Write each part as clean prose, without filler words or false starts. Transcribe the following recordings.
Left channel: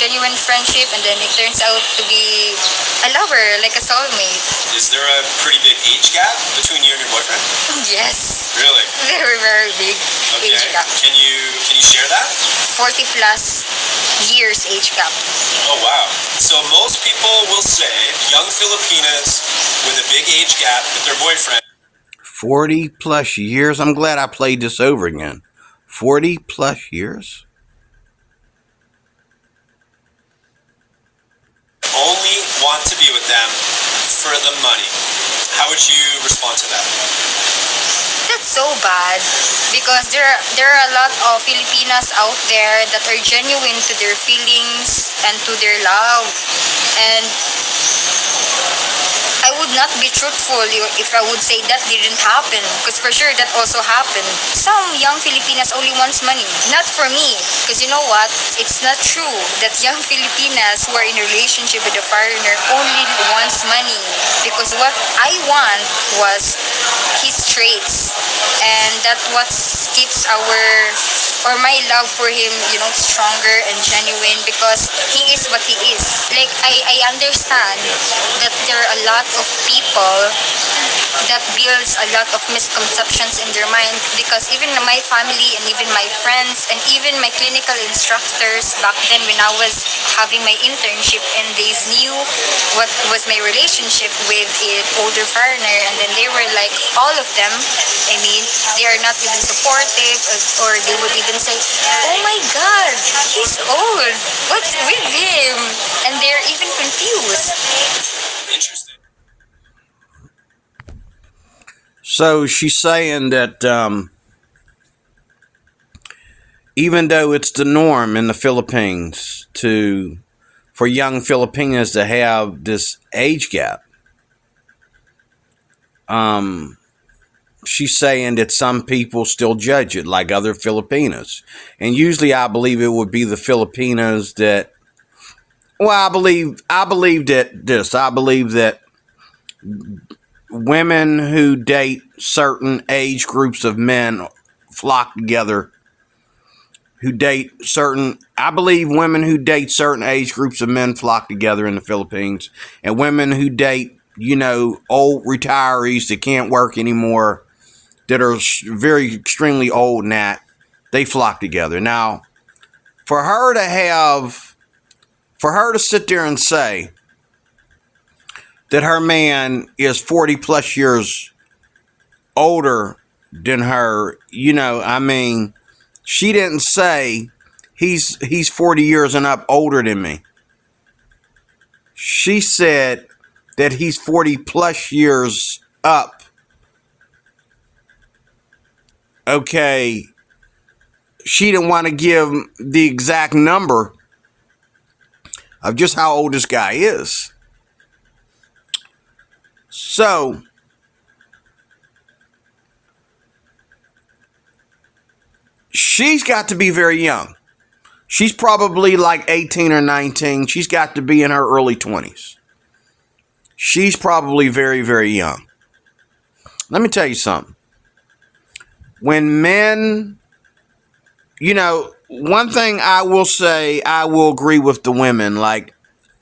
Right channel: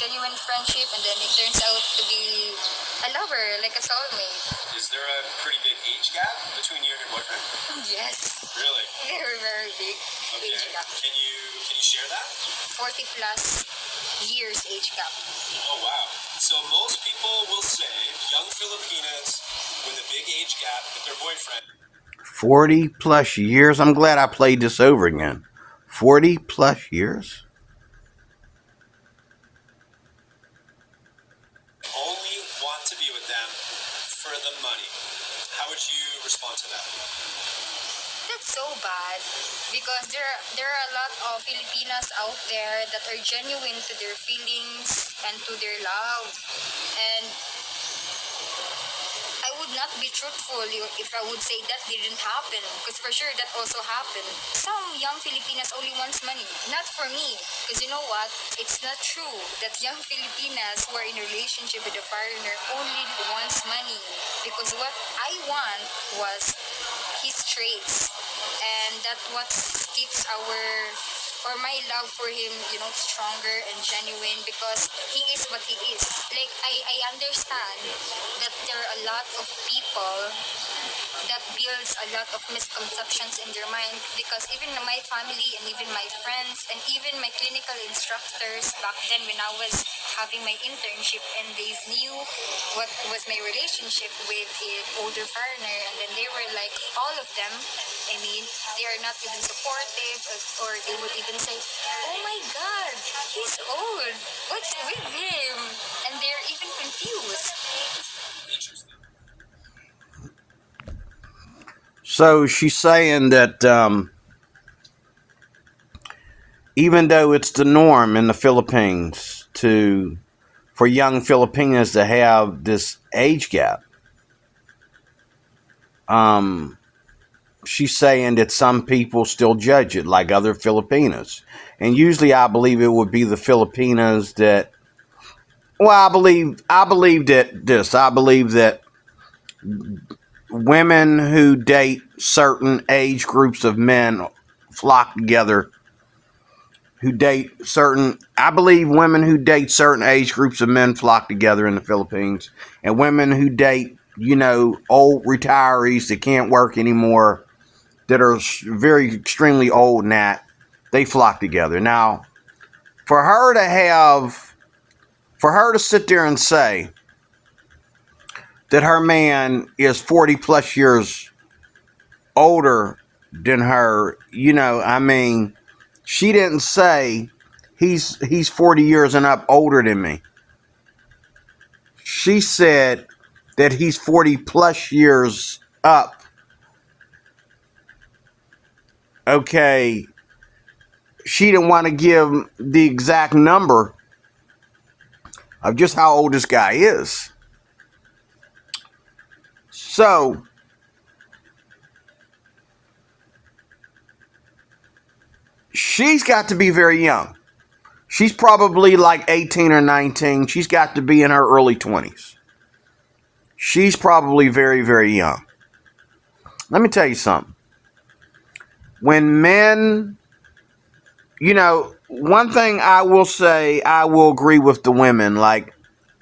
genuine friendship, and then it turns out to be a lover, like a soulmate. Is there a pretty big age gap between you and your boyfriend? Yes. Really? Very, very big age gap. Can you share that? 40 plus years age gap. Oh wow. So most people will say young Filipinas with a big age gap with their boyfriend. 40 plus years? I'm glad I played this over again. 40 plus years? Only want to be with them for the money. How would you respond to that? That's so bad, because there are a lot of Filipinas out there that are genuine to their feelings and to their love, and I would not be truthful if I would say that didn't happen, because for sure that also happened. Some young Filipinas only wants money. Not for me, because you know what? It's not true that young Filipinas who are in a relationship with a foreigner only wants money, because what I want was his traits, and that what keeps my love for him, stronger and genuine, because he is what he is. Like, I understand that there are a lot of people that builds a lot of misconceptions in their mind, because even my family and even my friends and even my clinical instructors back then when I was having my internship, and they knew what was my relationship with an older foreigner, and then they were like, all of them, they are not even supportive, or they would even say, oh my god, he's old, what's with him? And they're even confused. Interesting. So she's saying that even though it's the norm in the Philippines for young Filipinos to have this age gap, she's saying that some people still judge it like other Filipinas. And usually I believe it would be the Filipinas that, well, I believe that women who date certain age groups of men flock together. I believe women who date certain age groups of men flock together in the Philippines. And women who date, old retirees that can't work anymore, that are very extremely old and that, they flock together. Now, for her to sit there and say that her man is 40 plus years older than her, she didn't say he's 40 years and up older than me. She said that he's 40 plus years up. Okay, she didn't want to give the exact number of just how old this guy is. So, she's got to be very young. She's probably like 18 or 19. She's got to be in her early 20s. She's probably very, very young. Let me tell you something. When men, one thing I will say, I will agree with the women. Like,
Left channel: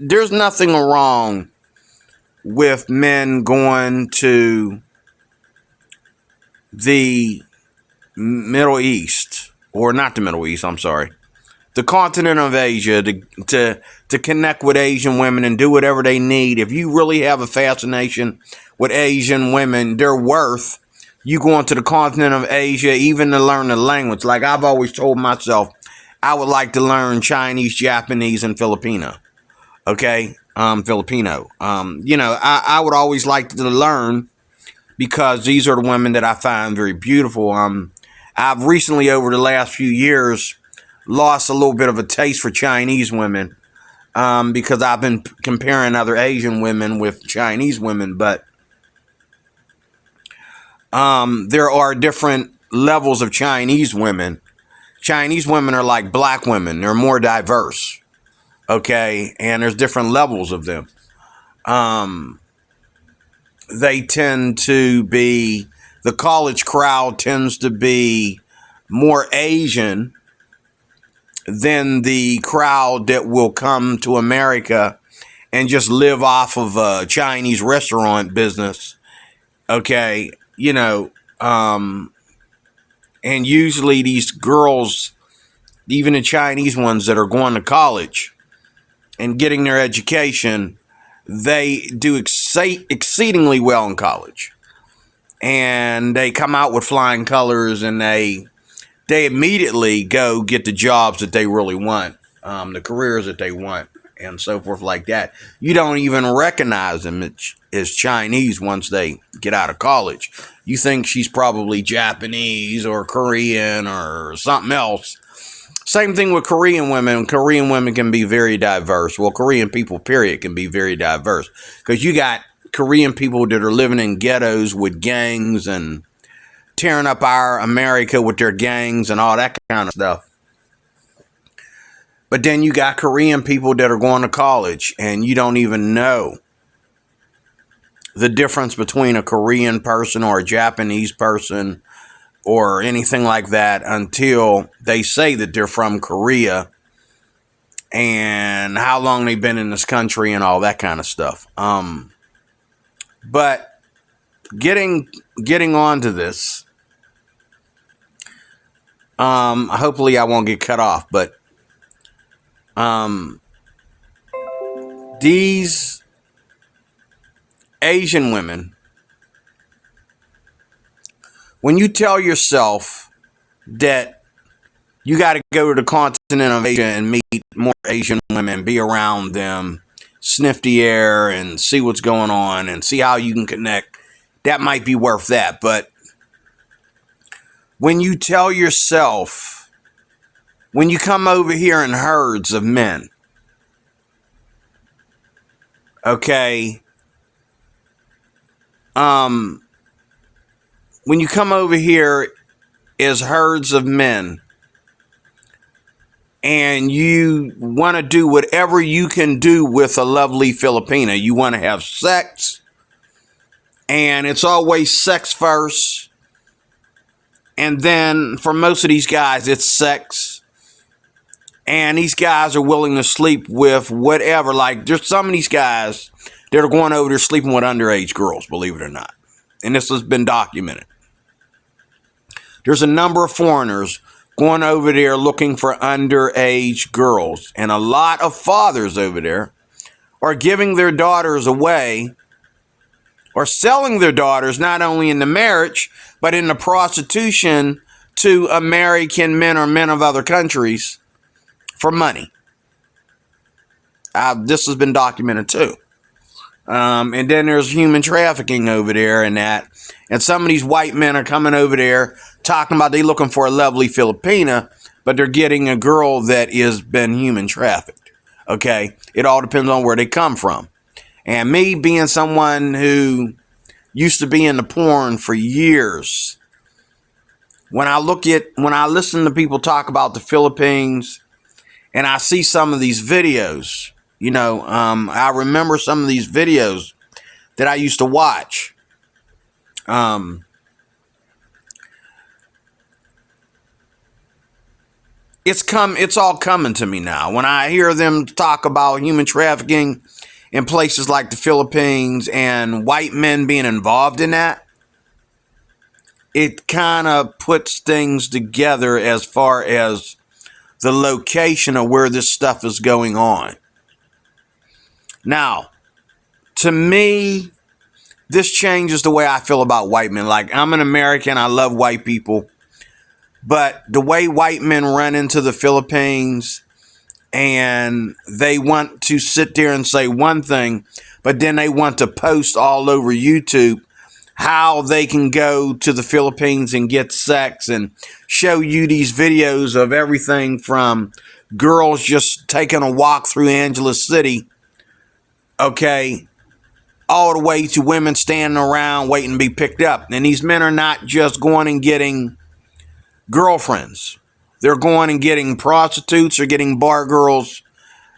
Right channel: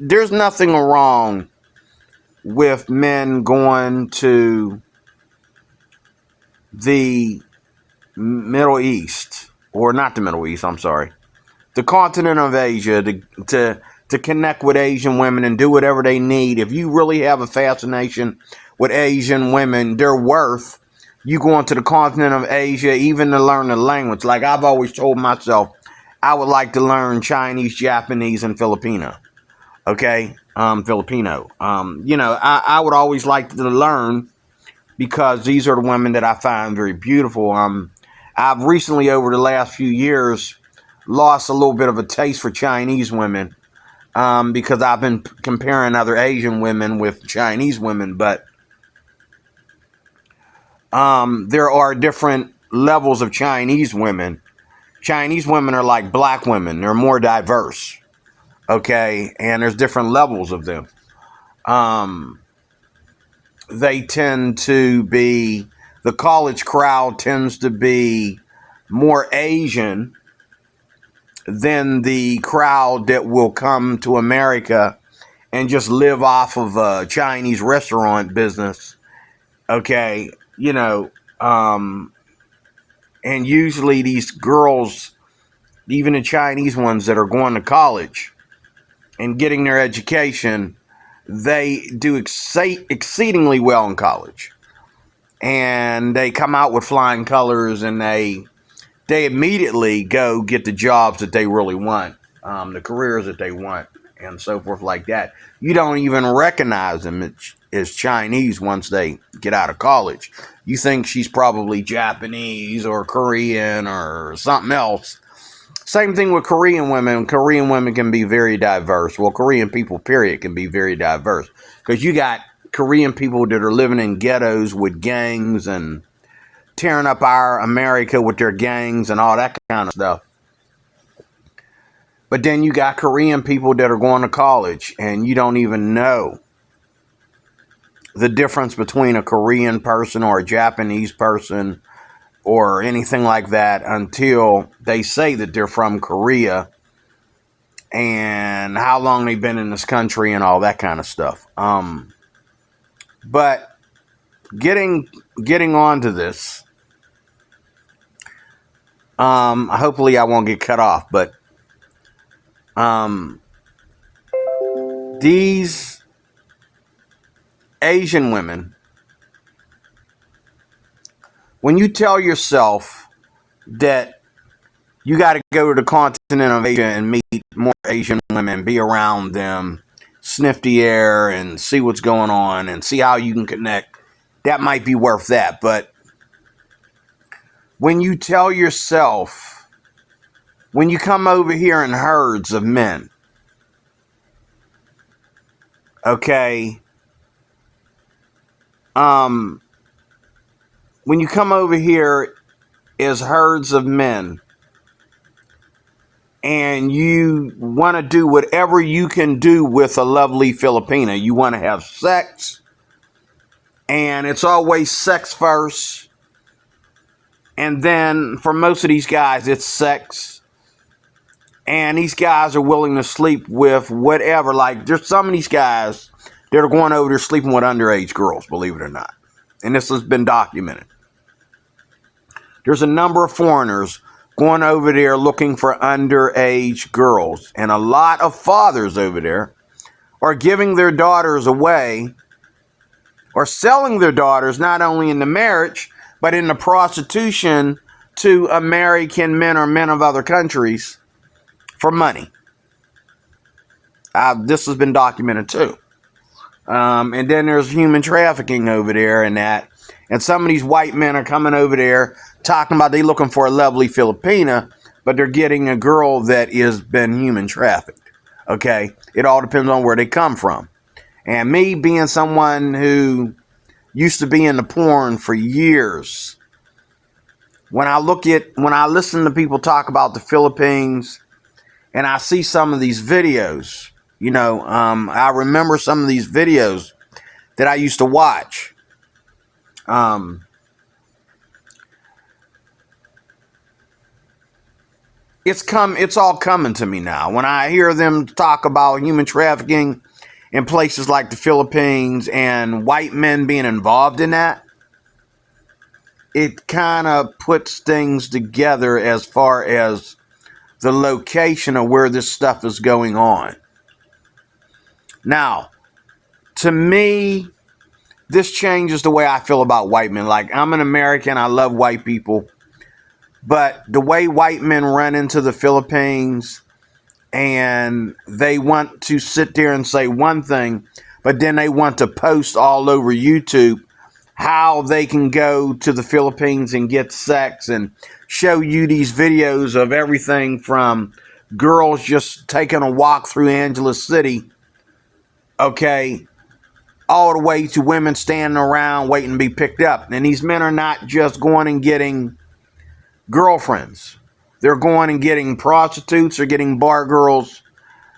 there's nothing wrong with men going to the Middle East, or not the Middle East, I'm sorry, the continent of Asia, to connect with Asian women and do whatever they need. If you really have a fascination with Asian women, their worth, you going to the continent of Asia, even to learn the language. Like I've always told myself, I would like to learn Chinese, Japanese, and Filipino. Okay? Filipino. I would always like to learn, because these are the women that I find very beautiful. I've recently, over the last few years, lost a little bit of a taste for Chinese women, because I've been comparing other Asian women with Chinese women, but there are different levels of Chinese women. Chinese women are like black women. They're more diverse. Okay? And there's different levels of them. They tend to be, the college crowd tends to be more Asian than the crowd that will come to America and just live off of a Chinese restaurant business. Okay, and usually these girls, even the Chinese ones that are going to college and getting their education, they do exceedingly well in college. And they come out with flying colors, and they immediately go get the jobs that they really want, the careers that they want, and so forth like that. You don't even recognize them as Chinese once they get out of college. You think she's probably Japanese or Korean or something else. Same thing with Korean women. Korean women can be very diverse. Well, Korean people, period, can be very diverse. Because you got Korean people that are living in ghettos with gangs and tearing up our America with their gangs and all that kind of stuff. But then you got Korean people that are going to college, and you don't even know the difference between a Korean person or a Japanese person or anything like that until they say that they're from Korea and how long they've been in this country and all that kind of stuff. But getting on to this, hopefully I won't get cut off, but these Asian women, when you tell yourself that you got to go to the continent of Asia and meet more Asian women, be around them, sniff the air and see what's going on and see how you can connect, that might be worth that. But when you tell yourself, when you come over here in herds of men, okay, when you come over here as herds of men and you want to do whatever you can do with a lovely Filipina, you want to have sex, and it's always sex first, and then for most of these guys it's sex, and these guys are willing to sleep with whatever. Like, there's some of these guys that are going over there sleeping with underage girls, believe it or not, and this has been documented. There's a number of foreigners going over there looking for underage girls. And a lot of fathers over there are giving their daughters away or selling their daughters not only in the marriage, but in the prostitution to American men or men of other countries for money. This has been documented too. And then there's human trafficking over there and that. And some of these white men are coming over there talking about they looking for a lovely Filipina, but they're getting a girl that has been human trafficked. Okay? It all depends on where they come from. And me being someone who used to be in the porn for years, when I listen to people talk about the Philippines and I see some of these videos, I remember some of these videos that I used to watch. It's all coming to me now. When I hear them talk about human trafficking in places like the Philippines and white men being involved in that, it kind of puts things together as far as the location of where this stuff is going on. Now, to me, this changes the way I feel about white men. Like, I'm an American, I love white people, but the way white men run into the Philippines and they want to sit there and say one thing, but then they want to post all over YouTube how they can go to the Philippines and get sex and show you these videos of everything from girls just taking a walk through Angeles City, okay, all the way to women standing around waiting to be picked up. And these men are not just going and getting girlfriends. They're going and getting prostitutes or getting bar girls.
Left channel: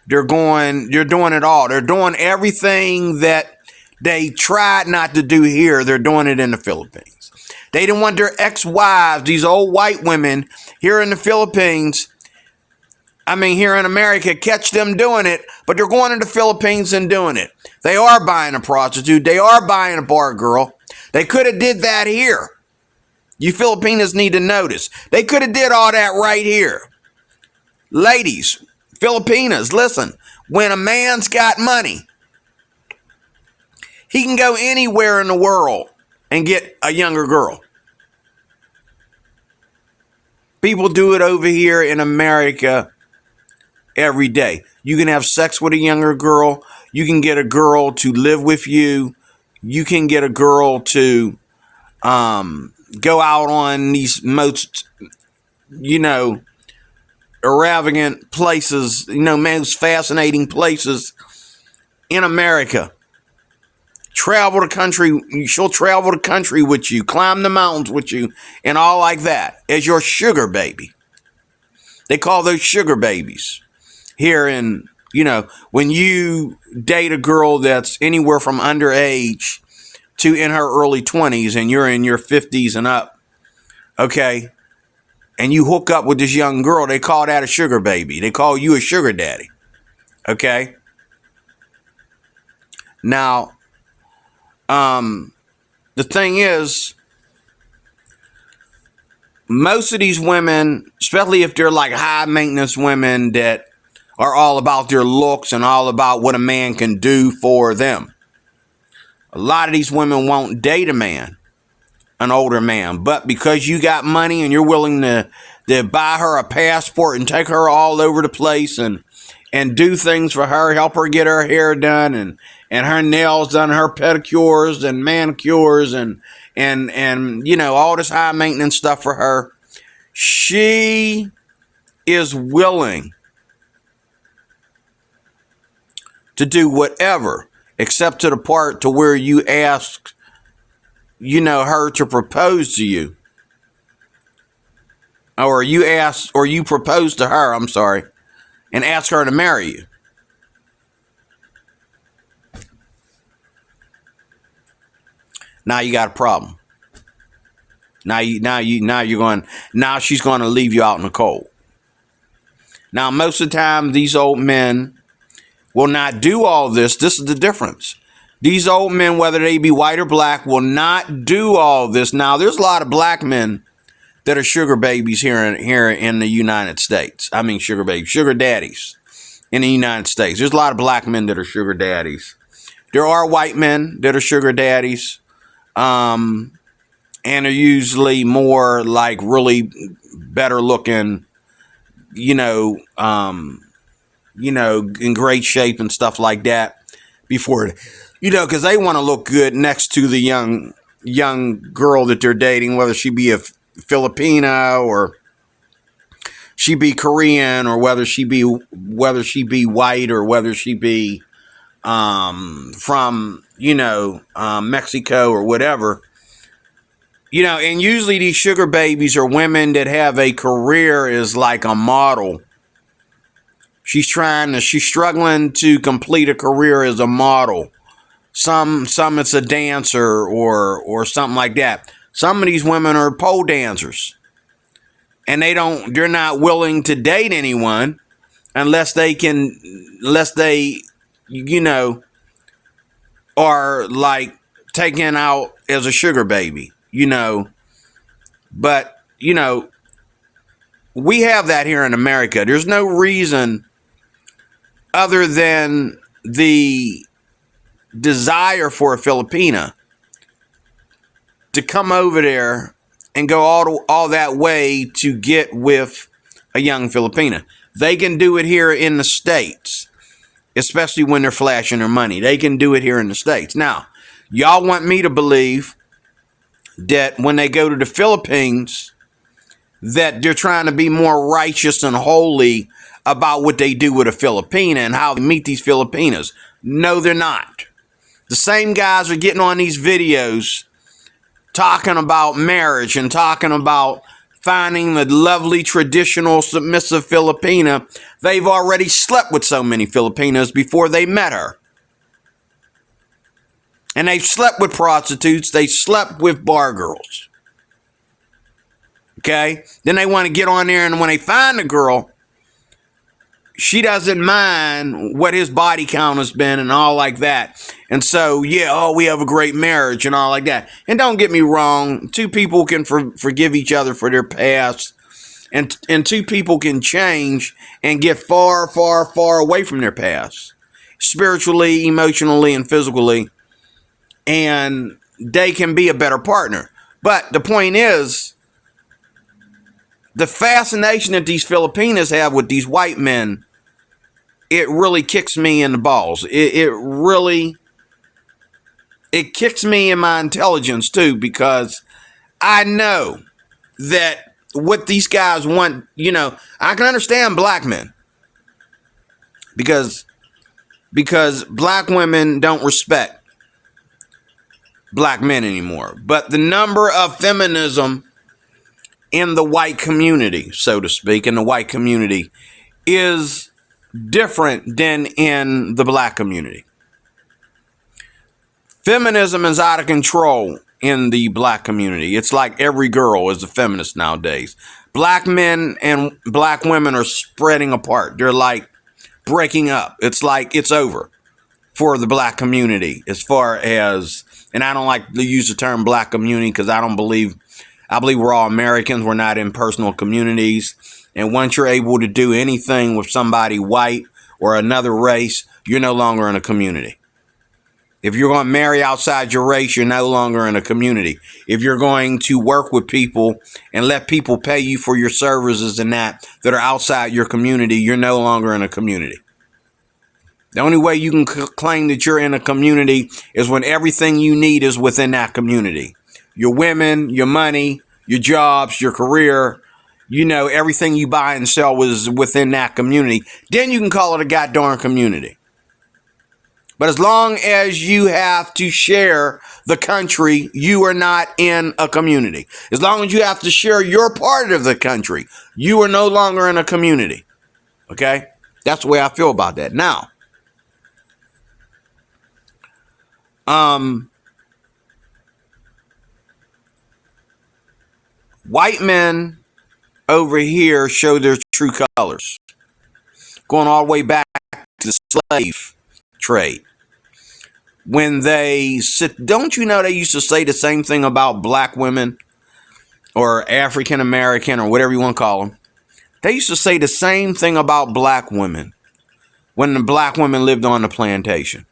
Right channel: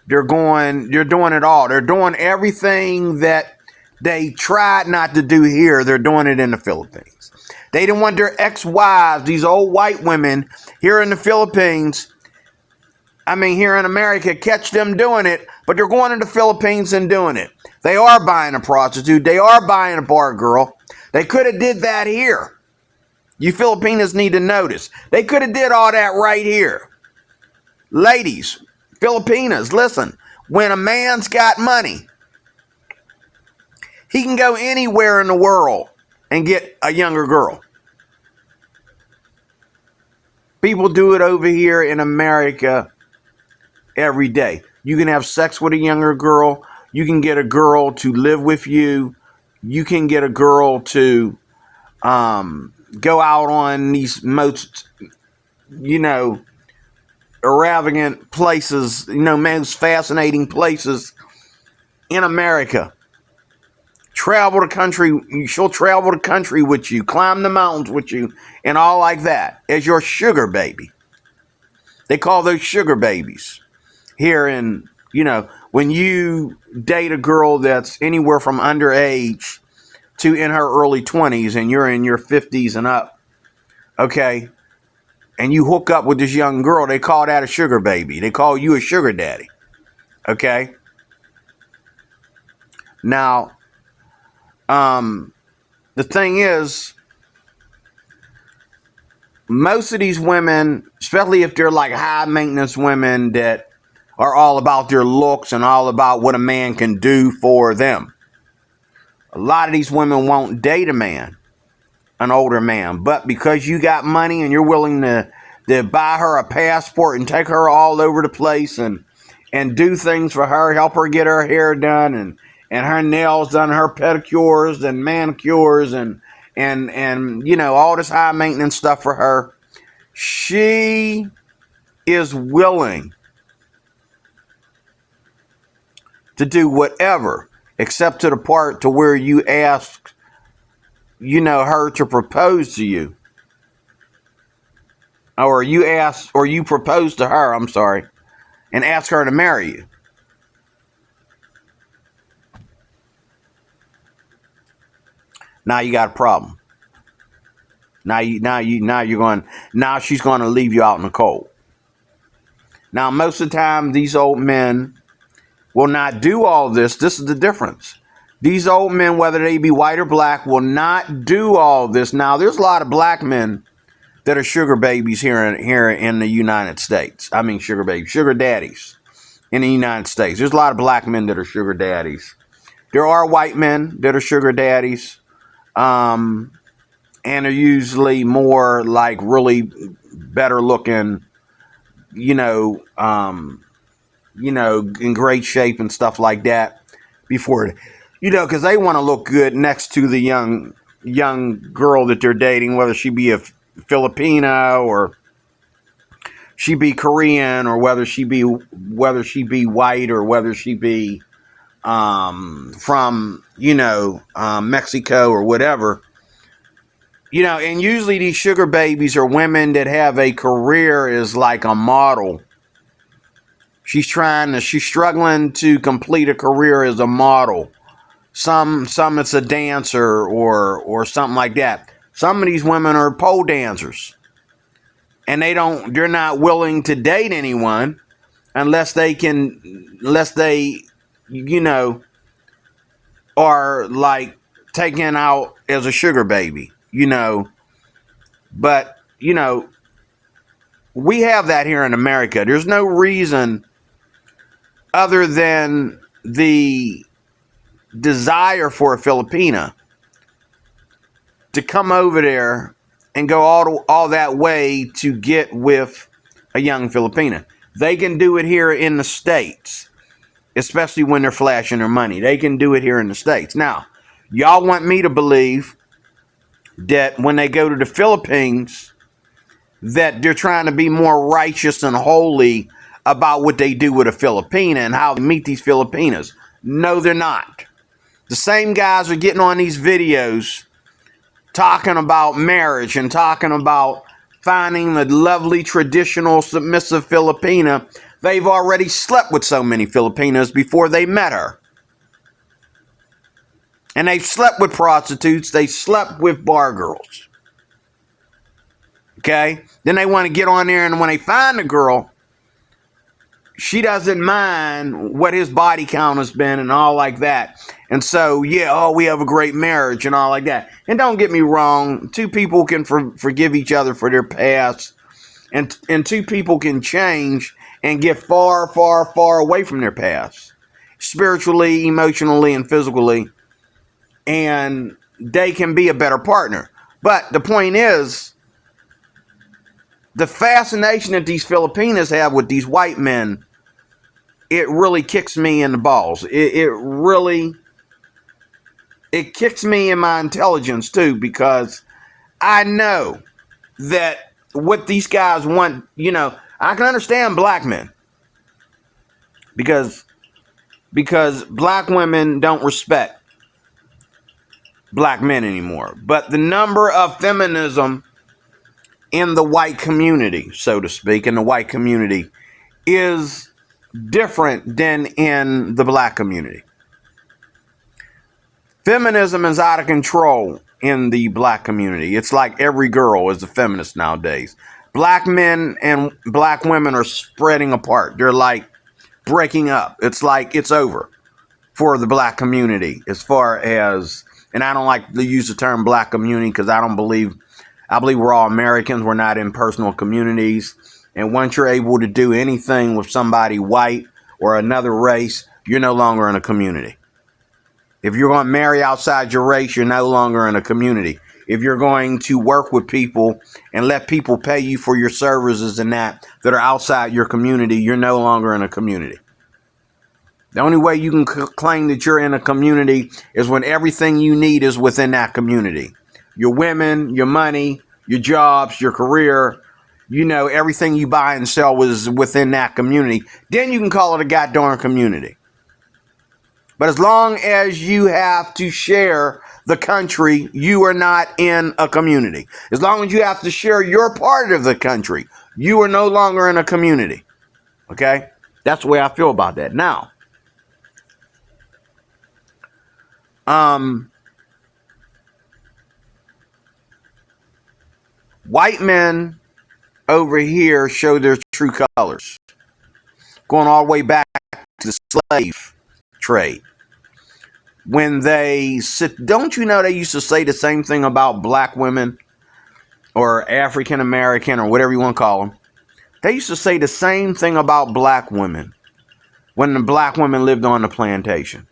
They're doing it all. They're doing everything that they tried not to do here. They're doing it in the Philippines. They didn't want their ex-wives, these old white women here in the Philippines, I mean, here in America, catch them doing it, but they're going to the Philippines and doing it. They are buying a prostitute. They are buying a bar girl. They could have did that here. You Filipinos need to notice. They could have did all that right here. Ladies, Filipinas, listen. When a man's got money, he can go anywhere in the world and get a younger girl. People do it over here in America every day. You can have sex with a younger girl. You can get a girl to live with you. You can get a girl to go out on these most, extravagant places, most fascinating places in America. Travel the country. She'll travel the country with you, climb the mountains with you, and all like that as your sugar baby. They call those sugar babies. Here in, when you date a girl that's anywhere from underage to in her early 20s and you're in your 50s and up, okay, and you hook up with this young girl, they call that a sugar baby. They call you a sugar daddy, okay? Now, the thing is, most of these women, especially if they're like high maintenance women that are all about their looks and all about what a man can do for them, a lot of these women won't date a man, an older man, but because you got money and you're willing to buy her a passport and take her all over the place and do things for her, help her get her hair done and her nails done, her pedicures and manicures and all this high maintenance stuff for her, she is willing to do whatever, except to the part to where you ask, her to propose to you. Or you propose to her, and ask her to marry you. Now you got a problem. Now she's going to leave you out in the cold. Now, most of the time, these old men will not do all this. This is the difference. These old men, whether they be white or black, will not do all this. Now, there's a lot of black men that are sugar babies here in the United States. I mean, sugar daddies in the United States. There's a lot of black men that are sugar daddies. There are white men that are sugar daddies, and are usually more like really better looking, in great shape and stuff like that before, because they want to look good next to the young girl that they're dating, whether she be a Filipina or she be Korean or whether she be white or whether she be from Mexico or whatever. And usually these sugar babies are women that have a career as like a model. She's struggling to complete a career as a model. Some it's a dancer or something like that. Some of these women are pole dancers. And they're not willing to date anyone unless they are like taken out as a sugar baby. But, we have that here in America. There's no reason other than the desire for a Filipina to come over there and go all that way to get with a young Filipina. They can do it here in the States, especially when they're flashing their money. They can do it here in the States. Now, y'all want me to believe that when they go to the Philippines, that they're trying to be more righteous and holy about what they do with a Filipina and how they meet these Filipinas. No, they're not. The same guys are getting on these videos talking about marriage and talking about finding the lovely, traditional, submissive Filipina. They've already slept with so many Filipinas before they met her. And they've slept with prostitutes. They slept with bar girls. Okay? Then they want to get on there, and when they find a girl, she doesn't mind what his body count has been and all like that. And so, yeah, oh, we have a great marriage and all like that. And don't get me wrong, two people can forgive each other for their past, and two people can change and get far, far, far away from their past, spiritually, emotionally, and physically, and they can be a better partner. But the point is, the fascination that these Filipinas have with these white men, it really kicks me in the balls. It really kicks me in my intelligence too, because I know that what these guys want, I can understand black men because black women don't respect black men anymore. But the number of feminism in the white community, so to speak, in the white community, is different than in the black community. Feminism is out of control in the black community. It's like every girl is a feminist nowadays. Black men and black women are spreading apart. They're like breaking up. It's like it's over for the black community as far as, and I don't like to use the term black community because I believe we're all Americans. We're not in personal communities. And once you're able to do anything with somebody white or another race, you're no longer in a community. If you're going to marry outside your race, you're no longer in a community. If you're going to work with people and let people pay you for your services and that are outside your community, you're no longer in a community. The only way you can claim that you're in a community is when everything you need is within that community. Your women, your money, your jobs, your career, everything you buy and sell was within that community. Then you can call it a goddamn community. But as long as you have to share the country, you are not in a community. As long as you have to share your part of the country, you are no longer in a community. Okay? That's the way I feel about that. Now, white men over here show their true colors, going all the way back to the slave trade. When they sit, don't you know they used to say the same thing about black women or African American or whatever you want to call them? They used to say the same thing about black women when the black women lived on the plantation.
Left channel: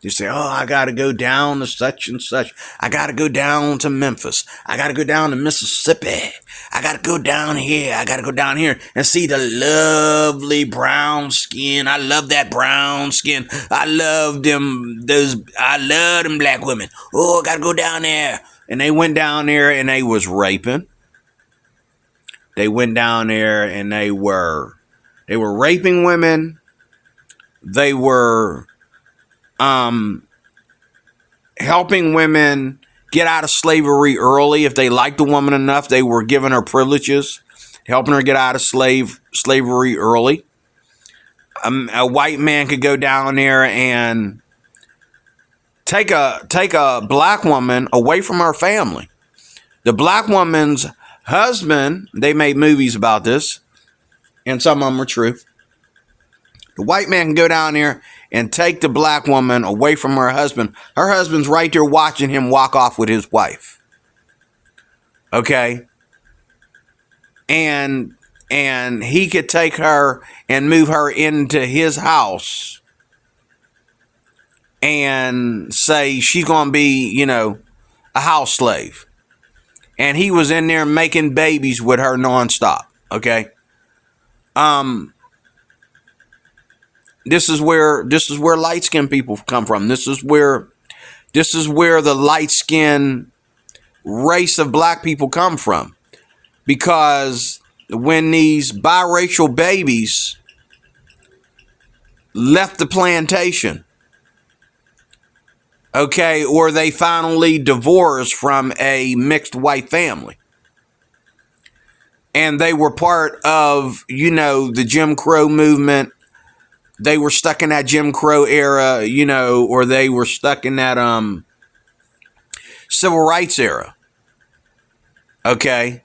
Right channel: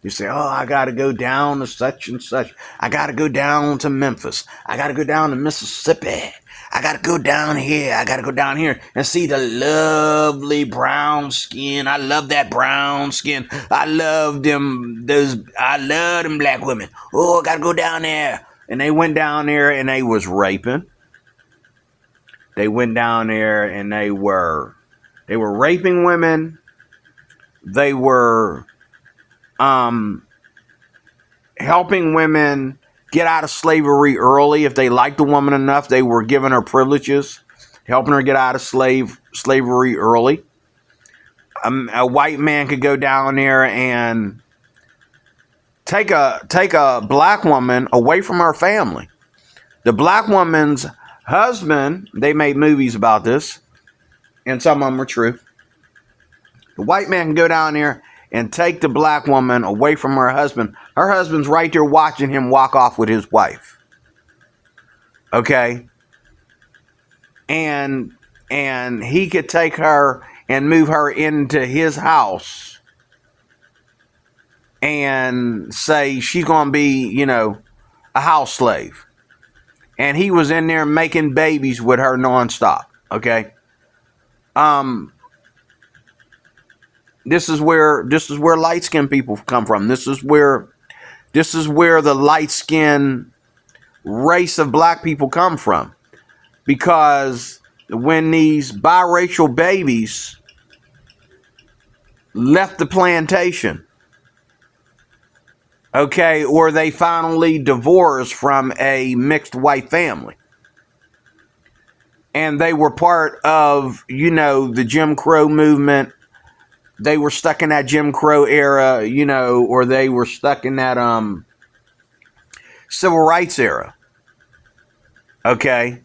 You say, oh, I got to go down to such and such. I got to go down to Memphis. I got to go down to Mississippi. I got to go down here. I got to go down here and see the lovely brown skin. I love that brown skin. I love them black women. Oh, I got to go down there. And they went down there and they was raping. They went down there and they were raping women. They were helping women get out of slavery early. If they liked the woman enough, they were giving her privileges, helping her get out of slavery early. A white man could go down there and take a black woman away from her family. The black woman's husband, they made movies about this, and some of them are true. The white man can go down there and take the black woman away from her husband. Her husband's right there watching him walk off with his wife. Okay? And he could take her and move her into his house and say she's going to be, a house slave. And he was in there making babies with her nonstop. Okay? This is where light-skinned people come from. This is where the light-skinned race of black people come from. Because when these biracial babies left the plantation, okay, or they finally divorced from a mixed white family, and they were part of, the Jim Crow movement. They were stuck in that Jim Crow era, or they were stuck in that civil rights era. Okay?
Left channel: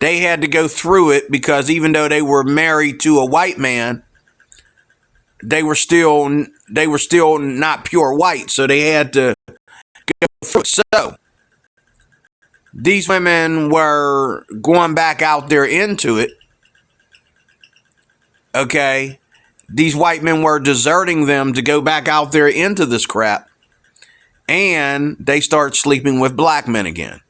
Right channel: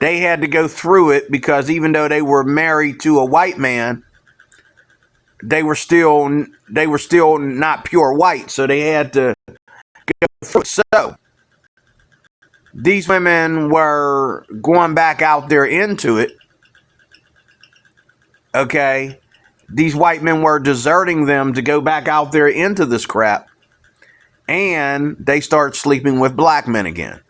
They had to go through it because even though they were married to a white man, they were still not pure white, so they had to get fruit. So these women were going back out there into it. Okay, these white men were deserting them to go back out there into this crap, and they start sleeping with black men again.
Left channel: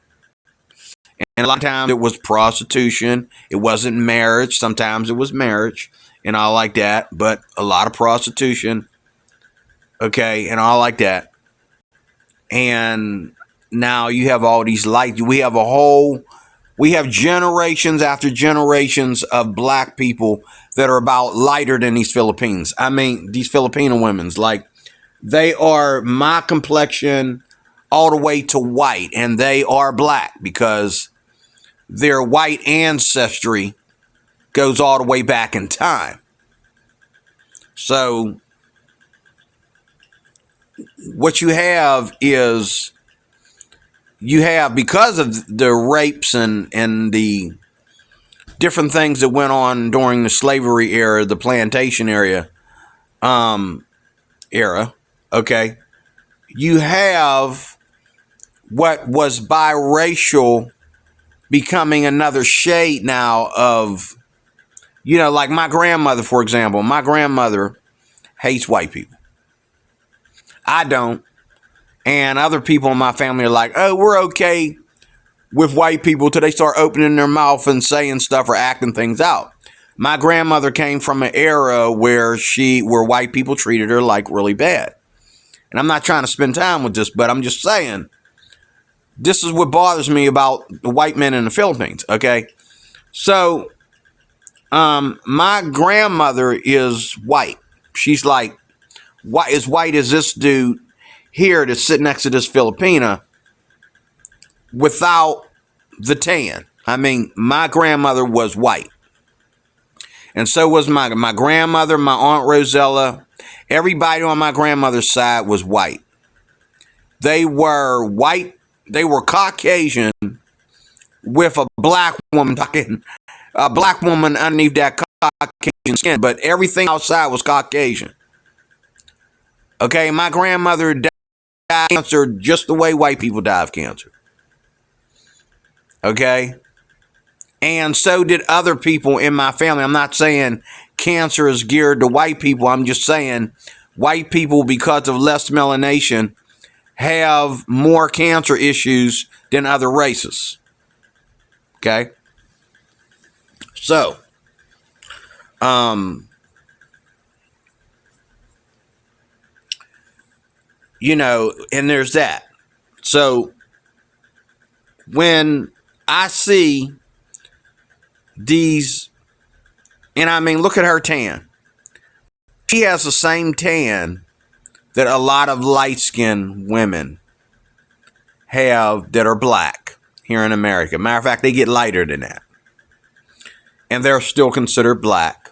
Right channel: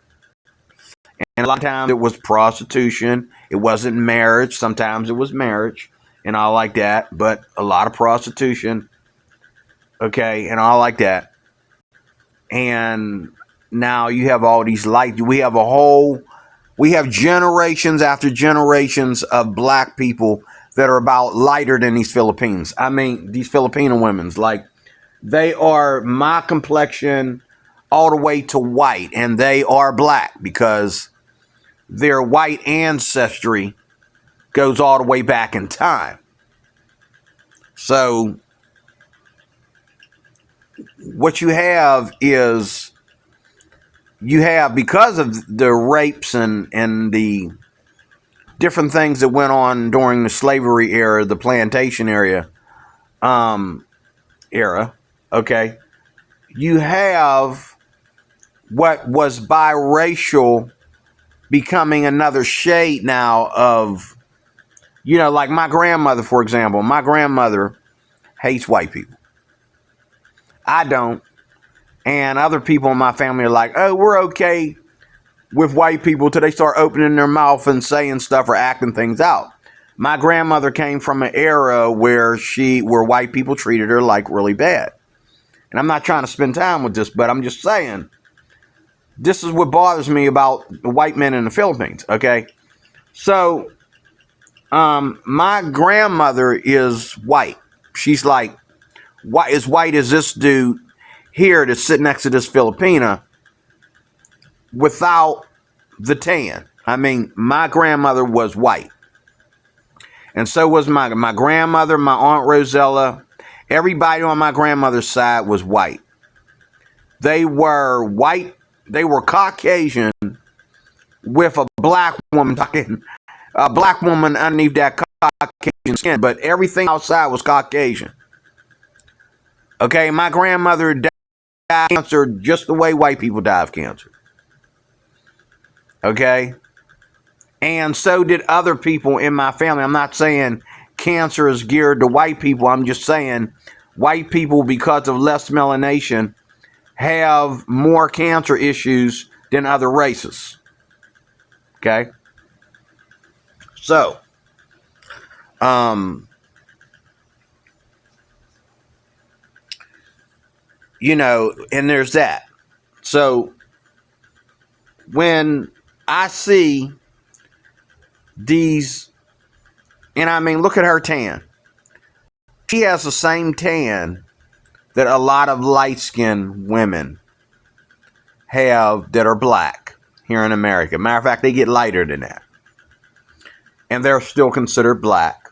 And a lot of times it was prostitution. It wasn't marriage. Sometimes it was marriage and all like that, but a lot of prostitution. Okay, and all like that. And now you have all these lights. We have generations after generations of black people that are about lighter than these Philippines. I mean, these Filipino women's, like, they are my complexion all the way to white, and they are black because their white ancestry goes all the way back in time. So what you have is, because of the rapes and the different things that went on during the slavery era, the plantation era, okay, you have what was biracial becoming another shade now of, like my grandmother, for example. My grandmother hates white people. I don't. And other people in my family are like, oh, we're okay with white people till they start opening their mouth and saying stuff or acting things out. My grandmother came from an era where white people treated her like really bad. And I'm not trying to spend time with this, but I'm just saying, this is what bothers me about the white men in the Philippines, okay? So, my grandmother is white. She's like, as white as this dude here that's sitting next to this Filipina without the tan. I mean, my grandmother was white. And so was my grandmother, my Aunt Rosella. Everybody on my grandmother's side was white. They were white. They were Caucasian with a black woman underneath that Caucasian skin, but everything outside was Caucasian. Okay, my grandmother died of cancer just the way white people die of cancer. Okay? And so did other people in my family. I'm not saying cancer is geared to white people. I'm just saying white people, because of less melanation, have more cancer issues than other races. Okay? So, and there's that. So, when I see these, and I mean, look at her tan. She has the same tan that a lot of light-skinned women have that are black here in America. Matter of fact, they get lighter than that. And they're still considered black.